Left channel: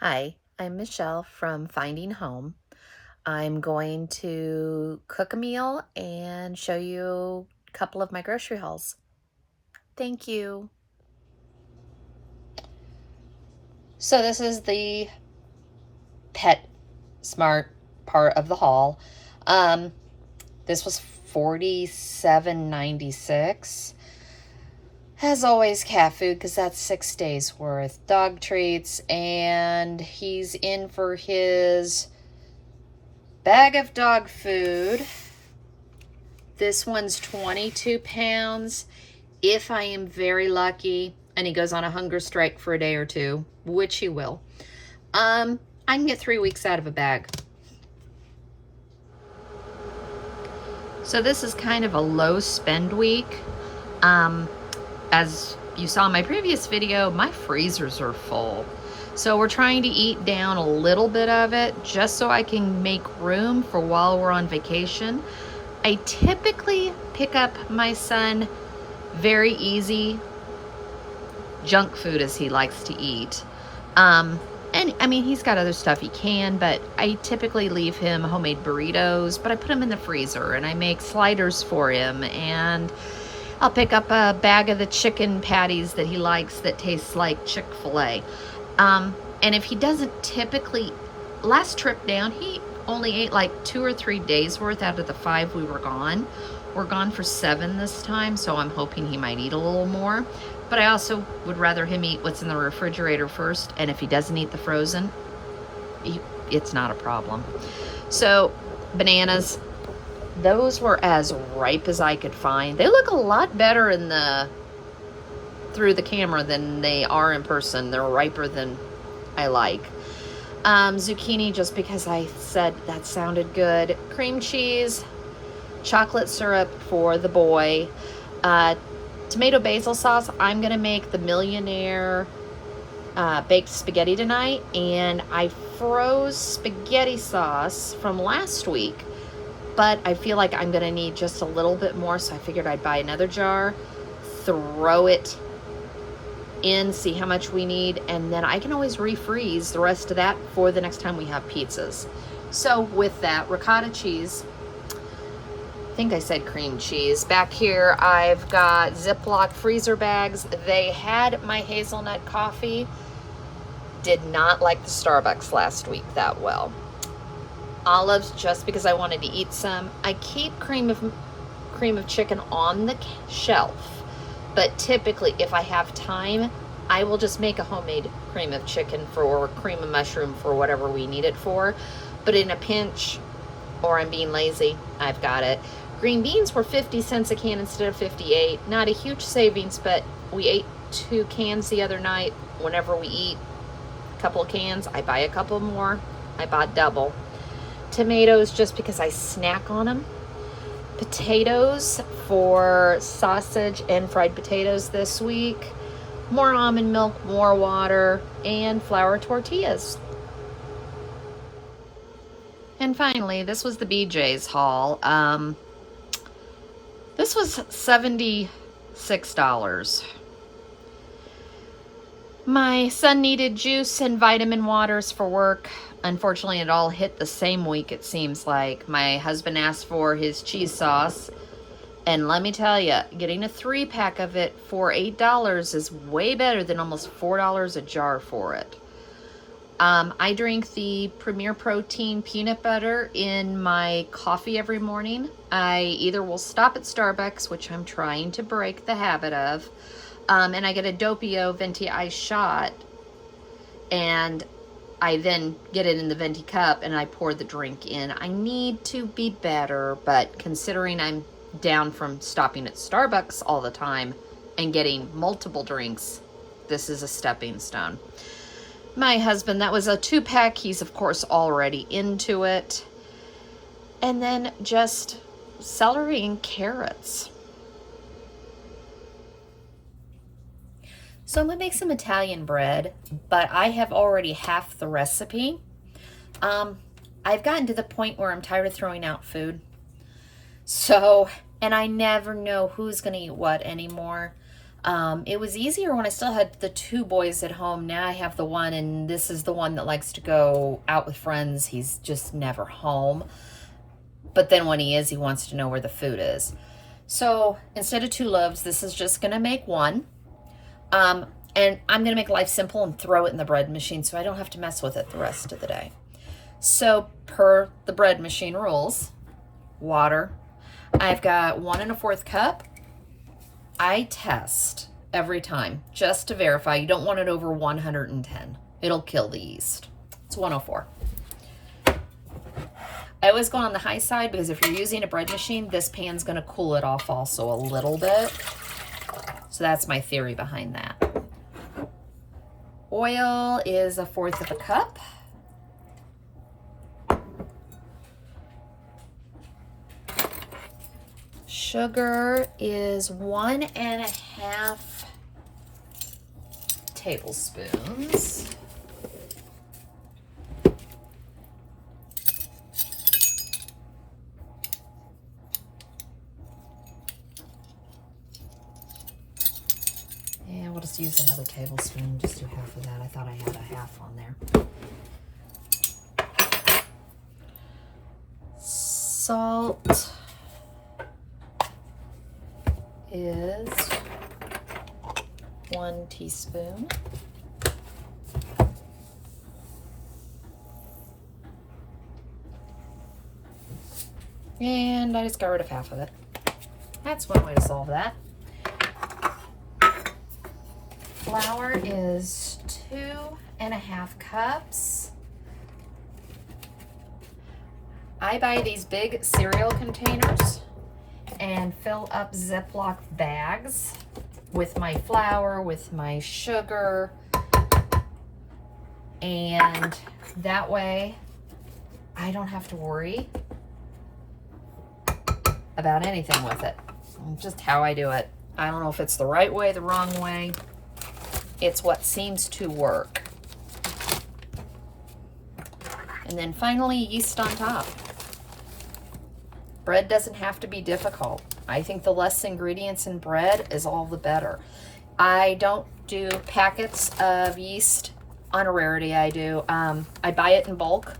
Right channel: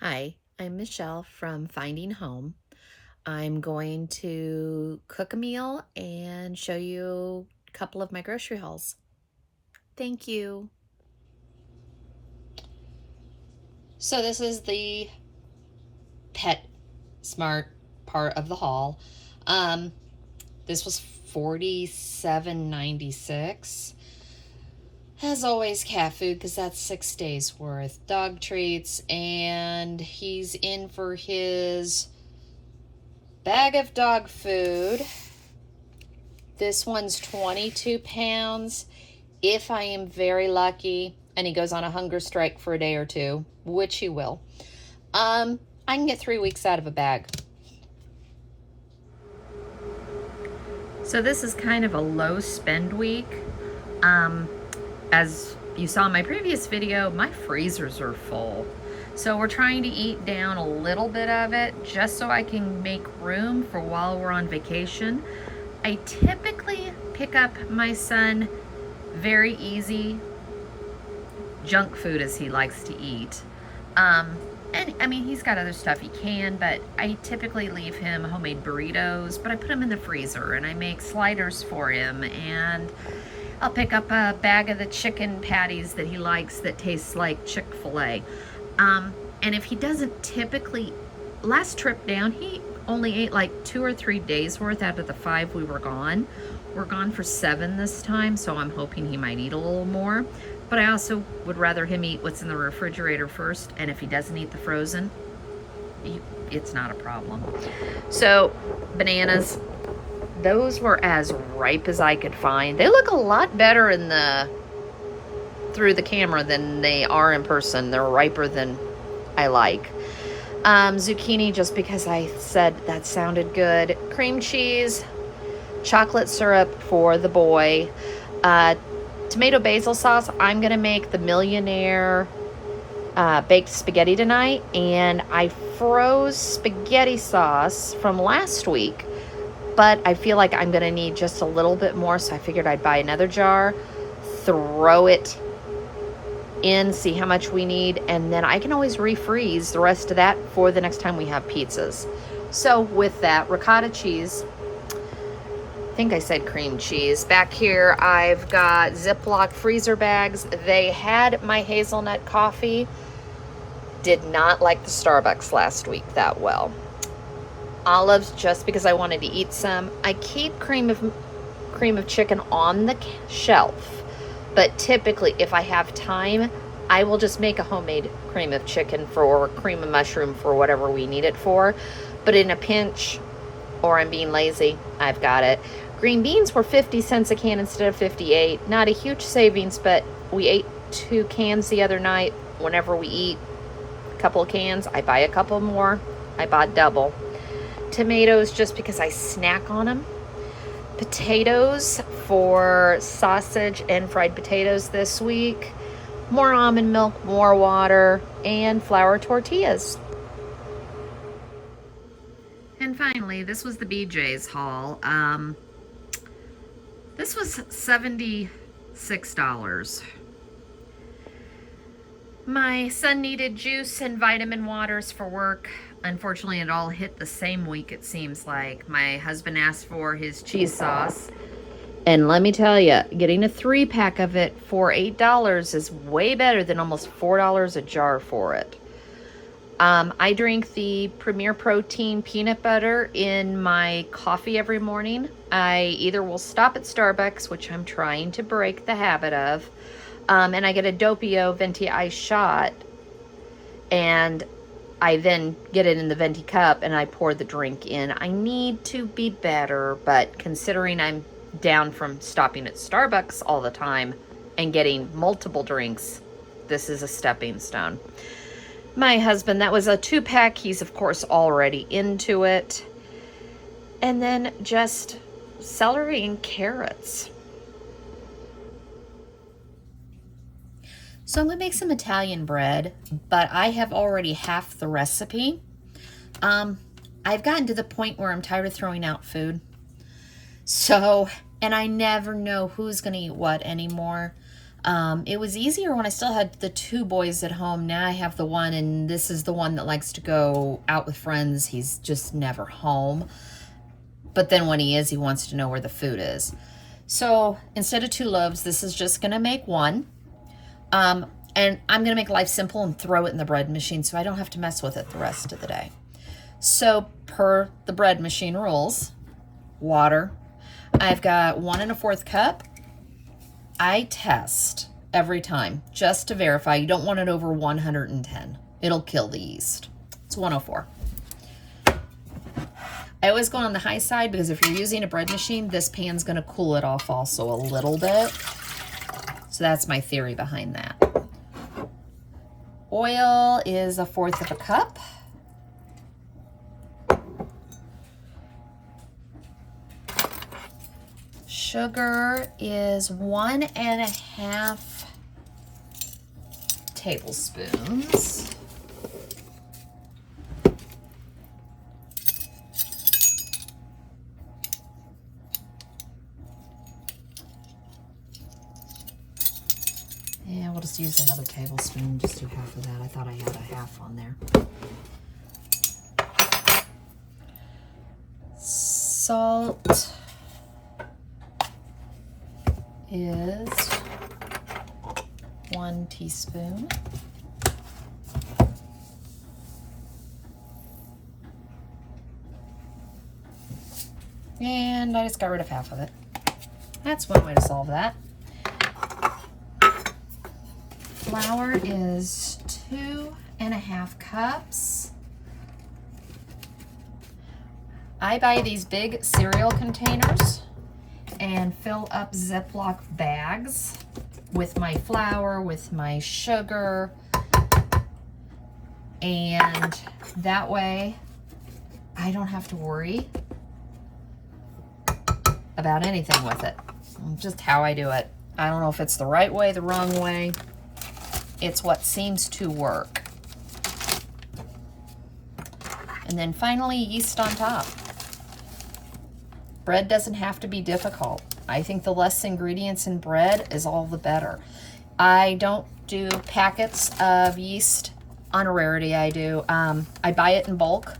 Hi, I'm Michelle from Finding Home. I'm going to cook a meal and show you a couple of my grocery hauls. Thank you. So this is the Pet Smart part of the haul. Um, this was $47.96. As always, cat food because that's 6 days worth. Dog treats, and he's in for his bag of dog food. This one's 22 pounds. If I am very lucky and he goes on a hunger strike for a day or two, which he will, I can get 3 weeks out of a bag. So this is kind of a low spend week. As you saw in my previous video, my freezers are full. So we're trying to eat down a little bit of it just so I can make room for while we're on vacation. I typically pick up my son very easy junk food as he likes to eat. And I mean, he's got other stuff he can, but I typically leave him homemade burritos, but I put them in the freezer and I make sliders for him, and I'll pick up a bag of the chicken patties that he likes that tastes like Chick-fil-A. And if he doesn't typically, last trip down, he only ate like 2 or 3 days worth out of the 5 we were gone. We're gone for 7 this time, so I'm hoping he might eat a little more. But I also would rather him eat what's in the refrigerator first, and if he doesn't eat the frozen, it's not a problem. So, bananas, those were as ripe as I could find. They look a lot better through the camera than they are in person. They're riper than I like. Zucchini, just because I said that sounded good. Cream cheese, chocolate syrup for the boy. Tomato basil sauce. I'm gonna make the Millionaire baked spaghetti tonight, and I froze spaghetti sauce from last week, but I feel like I'm gonna need just a little bit more, so I figured I'd buy another jar, throw it in, see how much we need, and then I can always refreeze the rest of that for the next time we have pizzas. So with that, ricotta cheese, I think I said cream cheese. Back here, I've got Ziploc freezer bags. They had my hazelnut coffee. Did not like the Starbucks last week that well. Olives, just because I wanted to eat some. I keep cream of chicken on the shelf, but typically if I have time, I will just make a homemade cream of chicken or cream of mushroom for whatever we need it for. But in a pinch, or I'm being lazy, I've got it. Green beans were 50 cents a can instead of 58. Not a huge savings, but we ate 2 cans the other night. Whenever we eat a couple of cans, I buy a couple more. I bought double. Tomatoes, just because I snack on them. Potatoes for sausage and fried potatoes this week. More almond milk, more water, and flour tortillas. And finally, this was the BJ's haul. This was $76. My son needed juice and vitamin waters for work. Unfortunately, it all hit the same week, it seems like. My husband asked for his cheese sauce. And let me tell you, getting a 3-pack of it for $8 is way better than almost $4 a jar for it. I drink the Premier Protein peanut butter in my coffee every morning. I either will stop at Starbucks, which I'm trying to break the habit of, and I get a Doppio Venti Ice shot, and I then get it in the Venti cup and I pour the drink in. I need to be better, but considering I'm down from stopping at Starbucks all the time and getting multiple drinks, this is a stepping stone. My husband, that was a 2-pack. He's, of course, already into it. And then just celery and carrots. So I'm going to make some Italian bread, but I have already half the recipe. I've gotten to the point where I'm tired of throwing out food. So, and I never know who's going to eat what anymore. It was easier when I still had the 2 boys at home. Now I have the one, and this is the one that likes to go out with friends. He's just never home. But then when he is, he wants to know where the food is. So instead of 2 loaves, this is just going to make 1. And I'm going to make life simple and throw it in the bread machine so I don't have to mess with it the rest of the day. So per the bread machine rules, water. I've got 1 1/4 cup. I test every time just to verify. You don't want it over 110. It'll kill the yeast. It's 104. I always go on the high side because if you're using a bread machine, this pan's going to cool it off also a little bit. So that's my theory behind that. Oil is 1/4 cup. Sugar is 1 1/2 tablespoons. Yeah, we'll just use another tablespoon, just do half of that. I thought I had a half on there. Salt is 1 teaspoon. And I just got rid of half of it. That's one way to solve that. Flour is 2 1/2 cups. I buy these big cereal containers and fill up Ziploc bags with my flour, with my sugar, and that way I don't have to worry about anything with it. Just how I do it. I don't know if it's the right way, the wrong way. It's what seems to work. And then finally, yeast on top. Bread doesn't have to be difficult. I think the less ingredients in bread is all the better. I don't do packets of yeast on a rarity. I do. I buy it in bulk.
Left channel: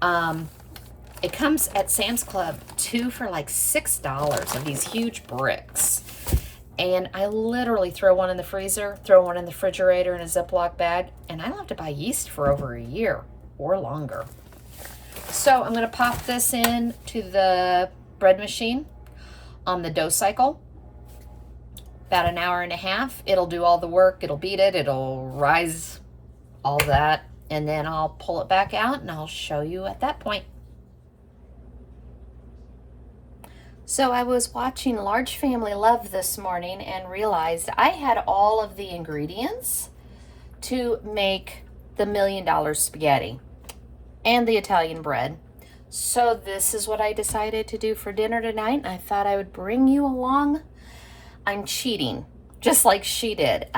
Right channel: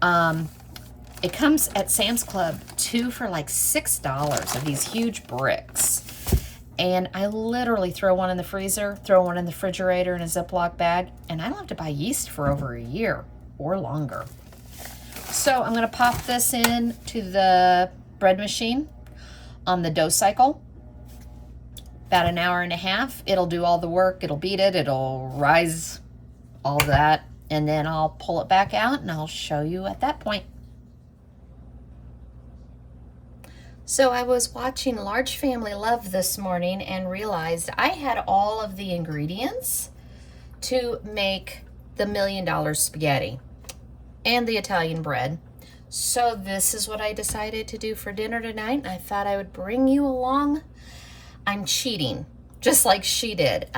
It comes at Sam's Club 2 for like $6 of these huge bricks. And I literally throw one in the freezer, throw one in the refrigerator in a Ziploc bag, and I don't have to buy yeast for over a year or longer. So I'm going to pop this in to the bread machine on the dough cycle. About 1.5 hours. It'll do all the work. It'll beat it. It'll rise all that. And then I'll pull it back out and I'll show you at that point. So I was watching Large Family Love this morning and realized I had all of the ingredients to make the $1 million spaghetti and the Italian bread. So this is what I decided to do for dinner tonight. I thought I would bring you along. I'm cheating, just like she did.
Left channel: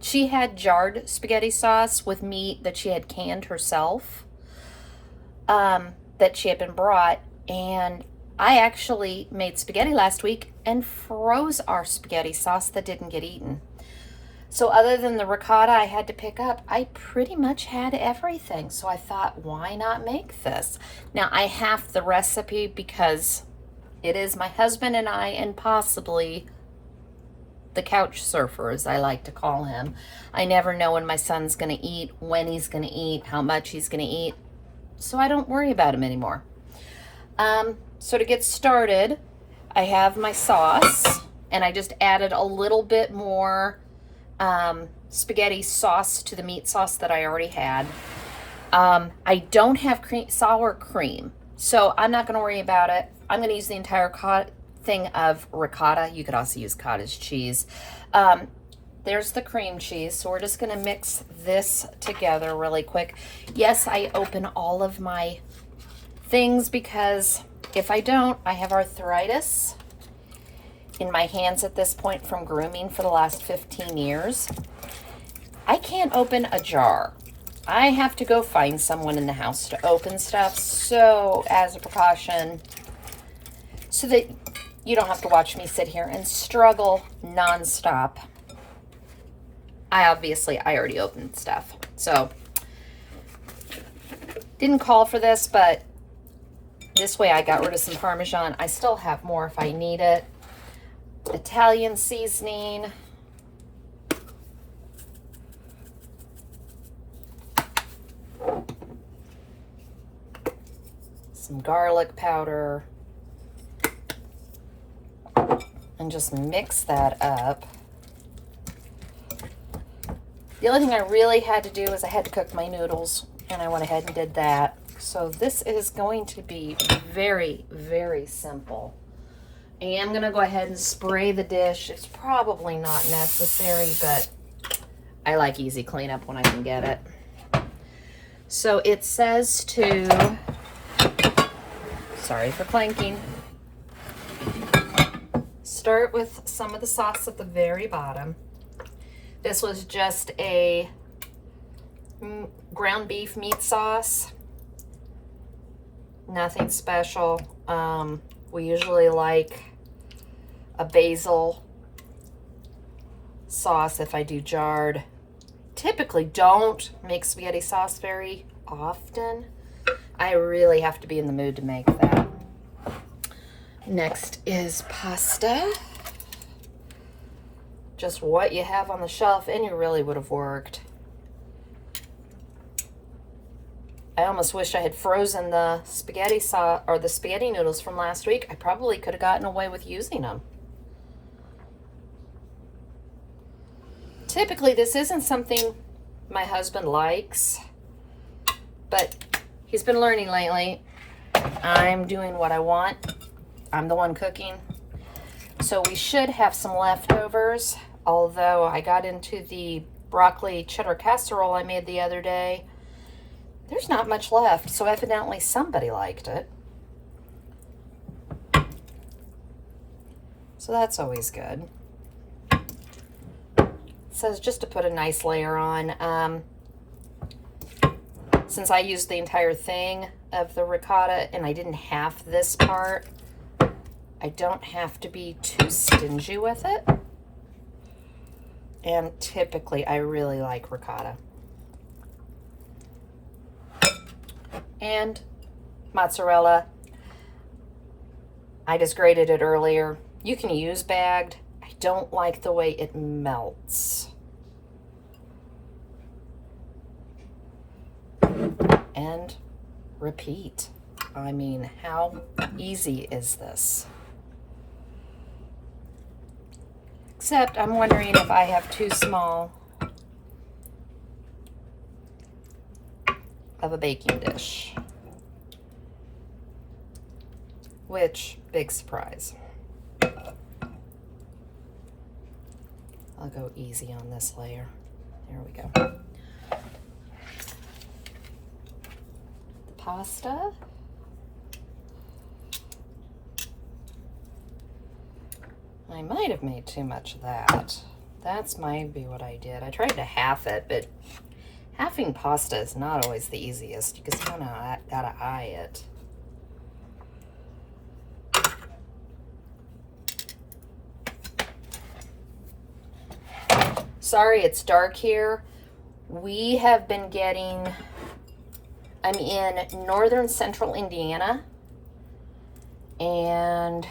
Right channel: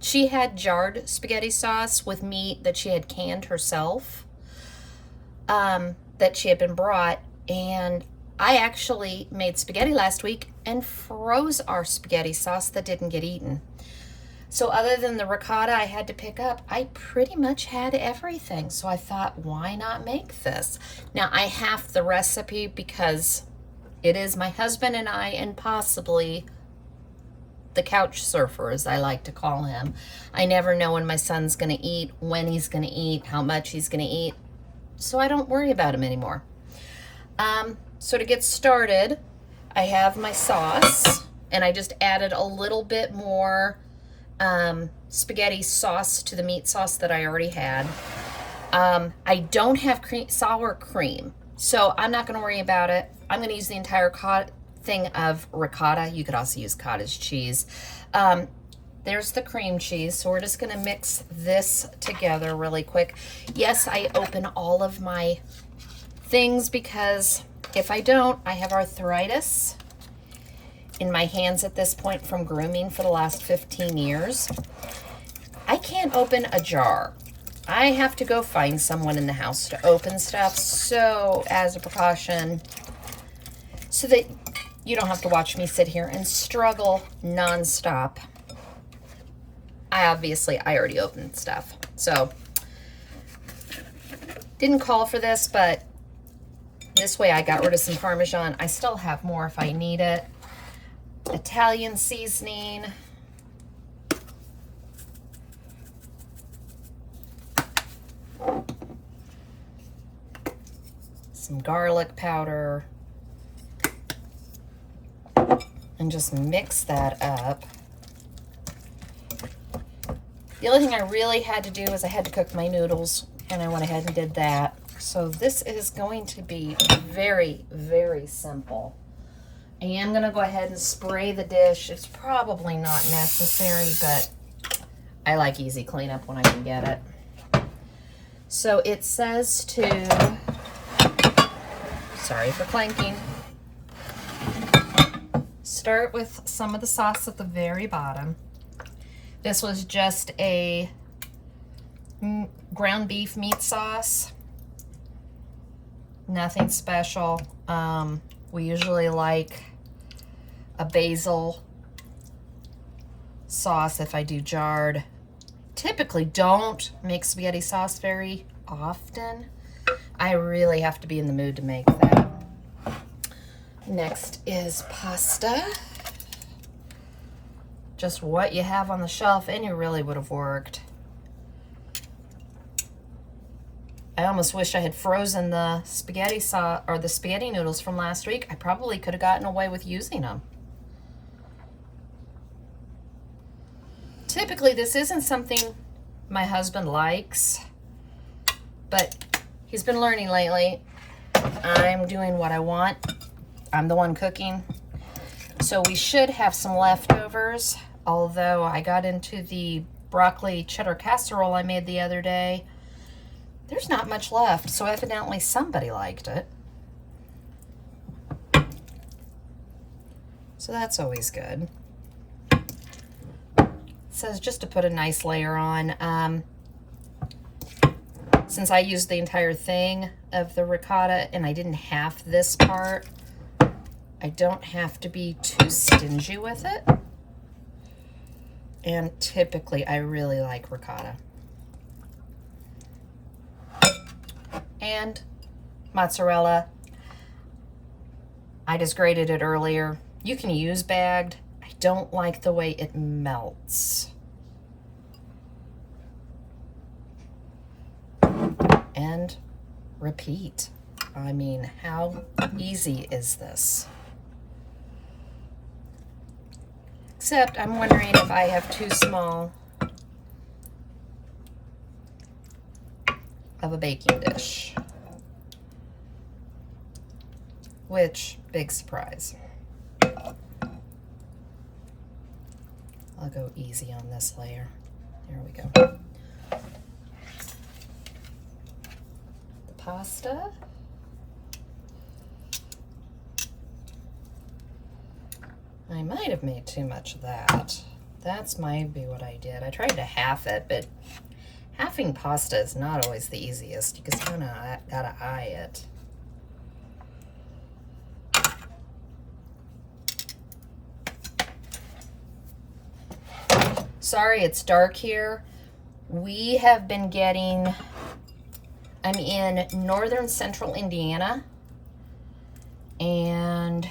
She had jarred spaghetti sauce with meat that she had canned herself, that she had been brought, and I actually made spaghetti last week and froze our spaghetti sauce that didn't get eaten. So other than the ricotta I had to pick up, I pretty much had everything. So I thought, why not make this? Now I have the recipe because it is my husband and I, and possibly the couch surfer, as I like to call him. I never know when my son's gonna eat, when he's gonna eat, how much he's gonna eat. So I don't worry about him anymore. So to get started, I have my sauce, and I just added a little bit more spaghetti sauce to the meat sauce that I already had. I don't have sour cream, so I'm not going to worry about it. I'm going to use the entire thing of ricotta. You could also use cottage cheese. There's the cream cheese, so we're just going to mix this together really quick. Yes, I open all of my things because if I don't, I have arthritis in my hands at this point from grooming for the last 15 years. I can't open a jar. I have to go find someone in the house to open stuff. So as a precaution, so that you don't have to watch me sit here and struggle nonstop, I already opened stuff. So, didn't call for this, but this way I got rid of some Parmesan. I still have more if I need it. Italian seasoning. Some garlic powder. And just mix that up. The only thing I really had to do was I had to cook my noodles, and I went ahead and did that. So this is going to be very, very simple. I am going to go ahead and spray the dish. It's probably not necessary, but I like easy cleanup when I can get it. So it says to, sorry for clanking, start with some of the sauce at the very bottom. This was just a ground beef meat sauce. Nothing special. We usually like a basil sauce if I do jarred. Typically don't make spaghetti sauce very often. I really have to be in the mood to make that. Next is pasta. Just what you have on the shelf, and you really would have worked. I almost wish I had frozen the spaghetti sauce or the spaghetti noodles from last week. I probably could have gotten away with using them. Typically, this isn't something my husband likes, but he's been learning lately. I'm doing what I want. I'm the one cooking. So we should have some leftovers, although I got into the broccoli cheddar casserole I made the other day. There's not much left, so evidently somebody liked it. So that's always good. It says just to put a nice layer on. Since I used the entire thing of the ricotta and I didn't half this part, I don't have to be too stingy with it. And typically I really like ricotta. And mozzarella. I just grated it earlier. You can use bagged. I don't like the way it melts. And repeat. I mean, how easy is this? Except I'm wondering if I have too small of a baking dish. Which, big surprise. I'll go easy on this layer. There we go. The pasta. I might have made too much of that. That's might be what I did. I tried to half it, but halving pasta is not always the easiest. You just kind of gotta eye it. Sorry, it's dark here. We have been getting, I'm in northern central Indiana, and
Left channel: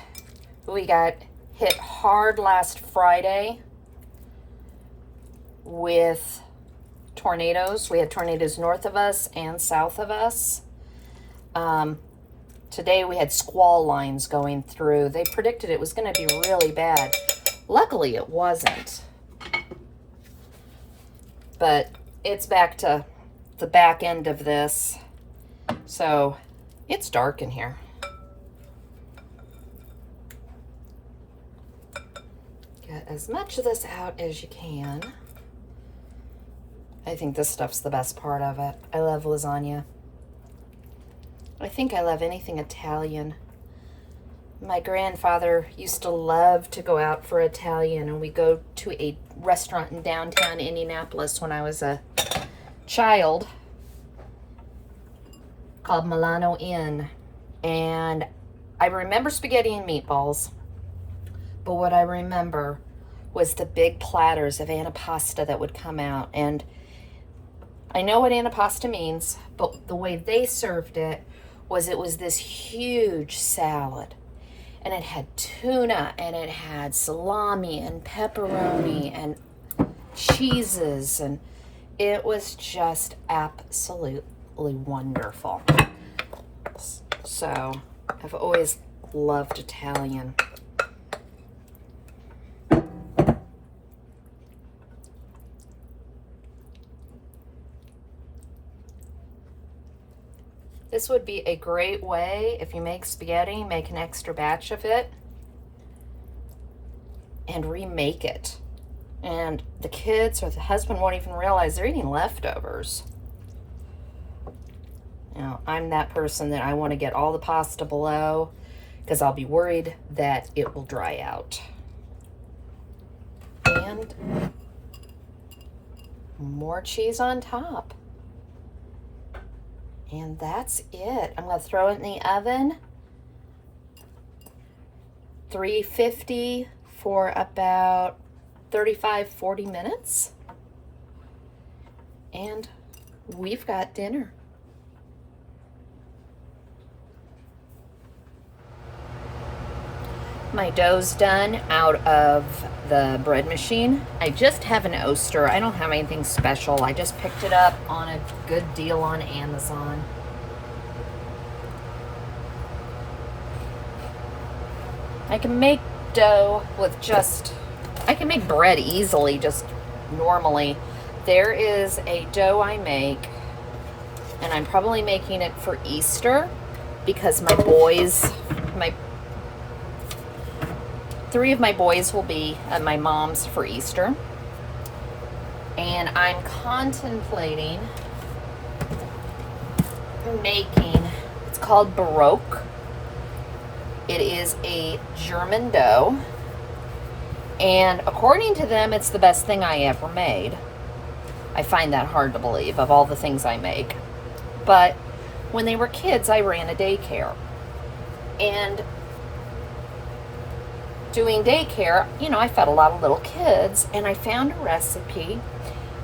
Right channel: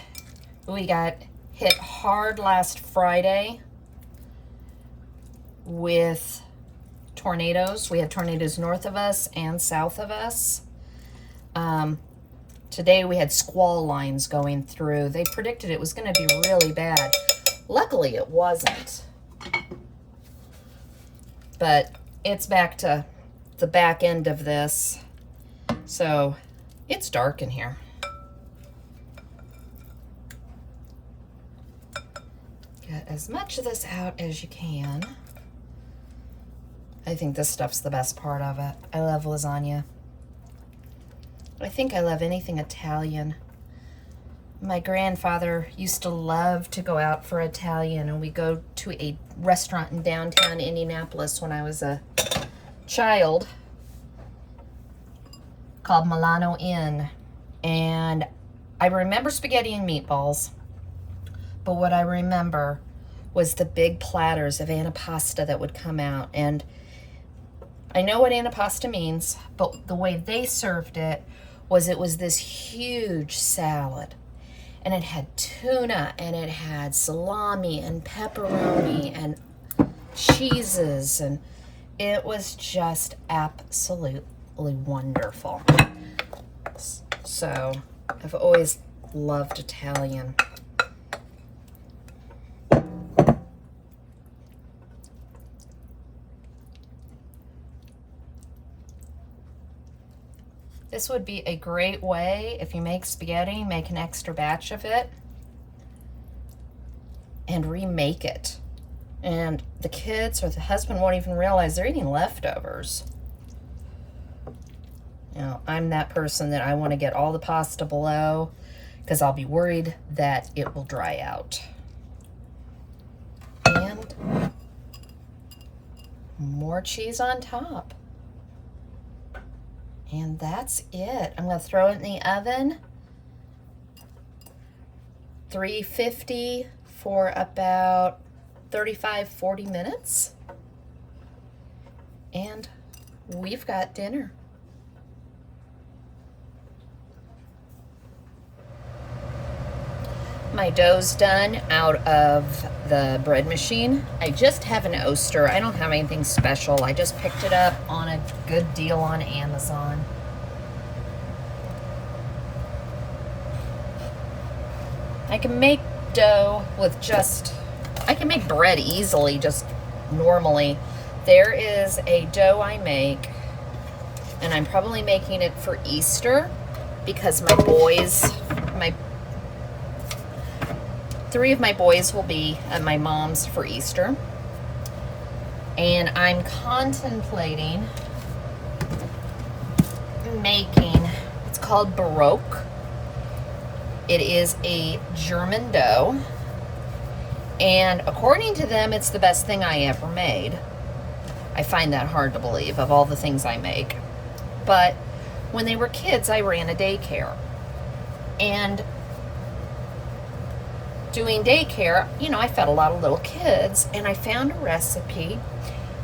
we got hit hard last Friday with tornadoes. We had tornadoes north of us and south of us. Today we had squall lines going through. They predicted it was going to be really bad. Luckily it wasn't. But it's back to the back end of this. So it's dark in here. Get as much of this out as you can. I think this stuff's the best part of it. I love lasagna. I think I love anything Italian. My grandfather used to love to go out for Italian, and we go to a restaurant in downtown Indianapolis when I was a child called Milano Inn. And I remember spaghetti and meatballs, but what I remember was the big platters of antipasta that would come out. And I know what antipasta means, but the way they served it was this huge salad. And it had tuna, and it had salami and pepperoni and cheeses, and it was just absolutely wonderful. So I've always loved Italian. This would be a great way, if you make spaghetti, make an extra batch of it and remake it. And the kids or the husband won't even realize they're eating leftovers. You know, I'm that person that I want to get all the pasta below because I'll be worried that it will dry out. And more cheese on top. And that's it. I'm going to throw it in the oven. 350 for about 35-40 minutes. And we've got dinner. My dough's done out of the bread machine. I just have an Oster. I don't have anything special. I just picked it up on a good deal on Amazon. I can make dough with I can make bread easily, just normally. There is a dough I make, and I'm probably making it for Easter because three of my boys will be at my mom's for Easter. And I'm contemplating making, it's called Baroque. It is a German dough. And according to them, it's the best thing I ever made. I find that hard to believe of all the things I make. But when they were kids, I ran a daycare. And doing daycare, you know, I fed a lot of little kids, and I found a recipe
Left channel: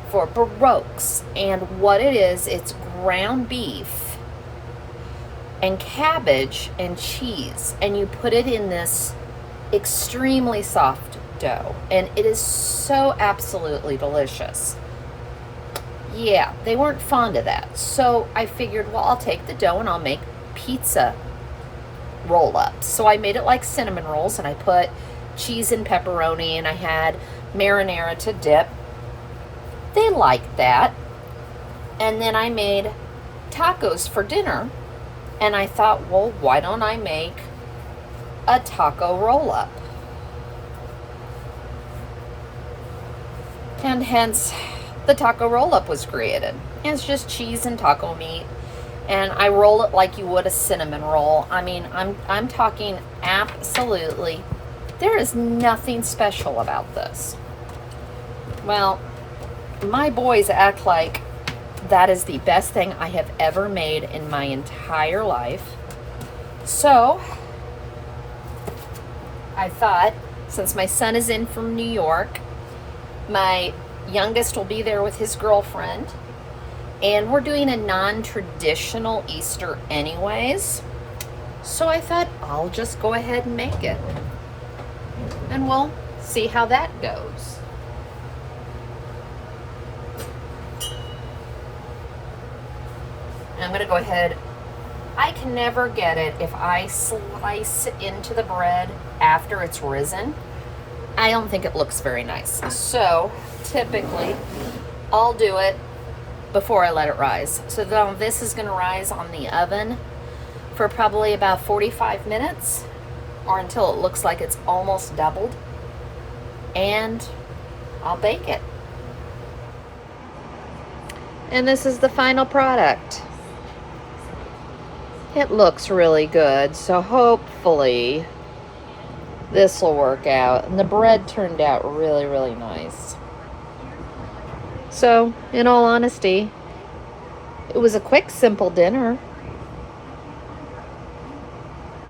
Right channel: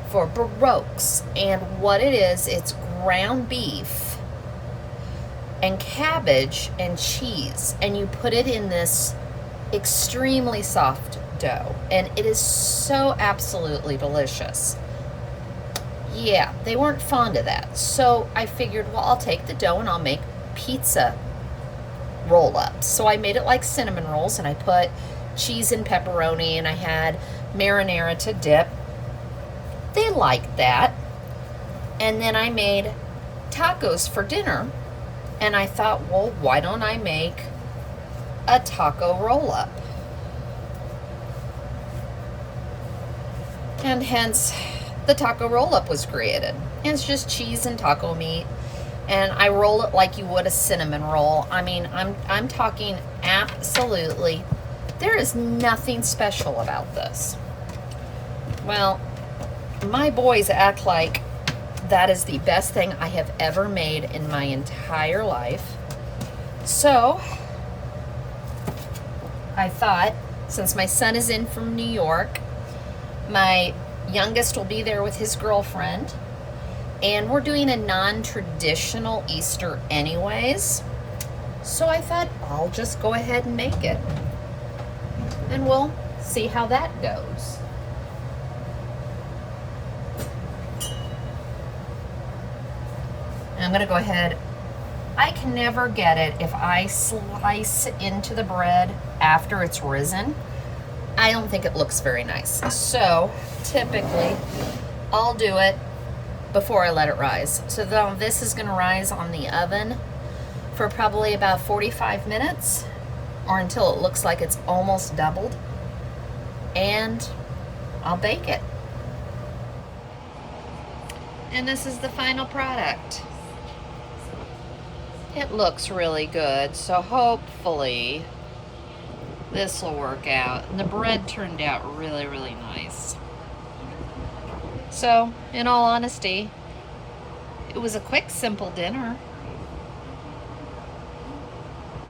for Baroques. And what it is, it's ground beef and cabbage and cheese, and you put it in this extremely soft dough, and it is so absolutely delicious. Yeah, they weren't fond of that, so I figured, well, I'll take the dough and I'll make pizza roll-ups. So I made it like cinnamon rolls, and I put cheese and pepperoni, and I had marinara to dip. They liked that. And then I made tacos for dinner, and I thought, well, why don't I make a taco roll-up? And hence the taco roll-up was created. And it's just cheese and taco meat, and I roll it like you would a cinnamon roll. I mean, I'm talking absolutely, there is nothing special about this. Well, my boys act like that is the best thing I have ever made in my entire life. So I thought, since my son is in from New York, my youngest will be there with his girlfriend, and we're doing a non-traditional Easter anyways. So I thought, I'll just go ahead and make it, and we'll see how that goes. I'm going to go ahead. I can never get it if I slice into the bread after it's risen. I don't think it looks very nice. So typically I'll do it before I let it rise. So then this is going to rise on the oven for probably about 45 minutes, or until it looks like it's almost doubled, and I'll bake it. And this is the final product. It looks really good, so hopefully this will work out. And the bread turned out really, really nice. So, in all honesty, it was a quick, simple dinner.